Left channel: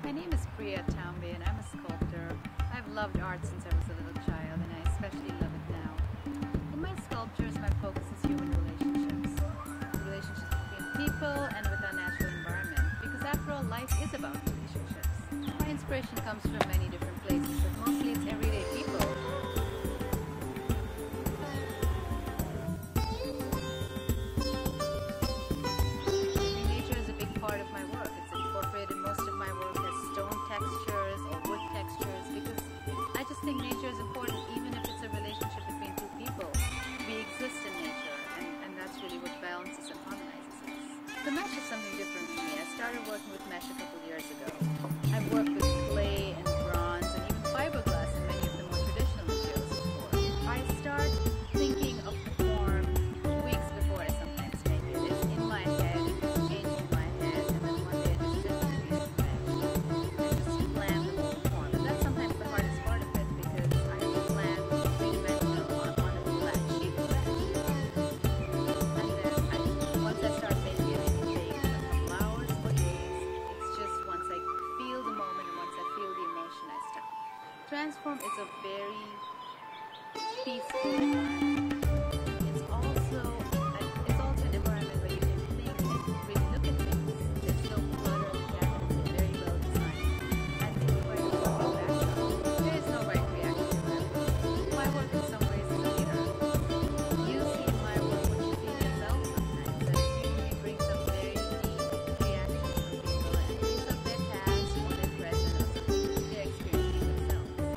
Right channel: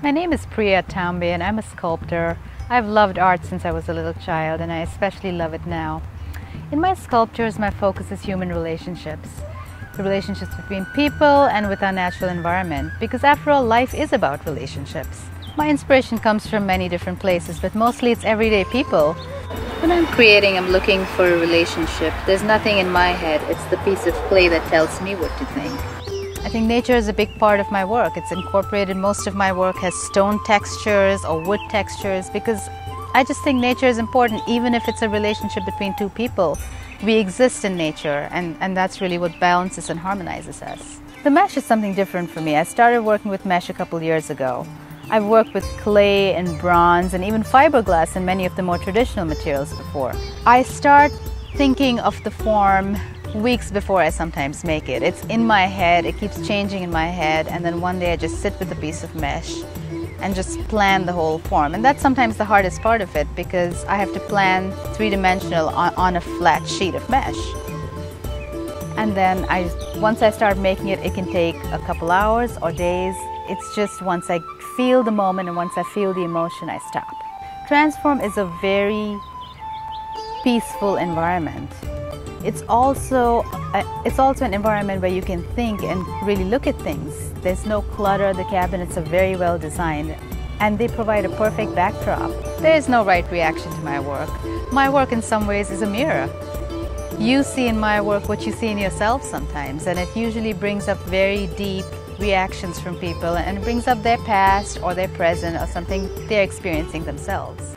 My name is Priya Tambe and I'm a sculptor. I've loved art since I was a little child and I especially love it now. In my sculptures, my focus is human relationships. The relationships between people and with our natural environment, because after all, life is about relationships. My inspiration comes from many different places, but mostly it's everyday people. When I'm creating, I'm looking for a relationship. There's nothing in my head, it's the piece of clay that tells me what to think. I think nature is a big part of my work. It's incorporated. Most of my work has stone textures or wood textures because I just think nature is important, even if it's a relationship between two people. We exist in nature, and that's really what balances and harmonizes us. The mesh is something different for me. I started working with mesh a couple years ago. I've worked with clay and bronze and even fiberglass and many of the more traditional materials before. I start thinking of the form weeks before I sometimes make it. It's in my head, it keeps changing in my head, and then one day I just sit with a piece of mesh and just plan the whole form. And that's sometimes the hardest part of it because I have to plan three-dimensional on a flat sheet of mesh. And then once I start making it, it can take a couple hours or days. It's just once I feel the moment and once I feel the emotion, I stop. transFORM is a very peaceful environment. It's also an environment where you can think and really look at things. There's no clutter, the cabinets are very well designed, and they provide a perfect backdrop. There is no right reaction to my work. My work in some ways is a mirror. You see in my work what you see in yourself sometimes, and it usually brings up very deep reactions from people and it brings up their past or their present or something they're experiencing themselves.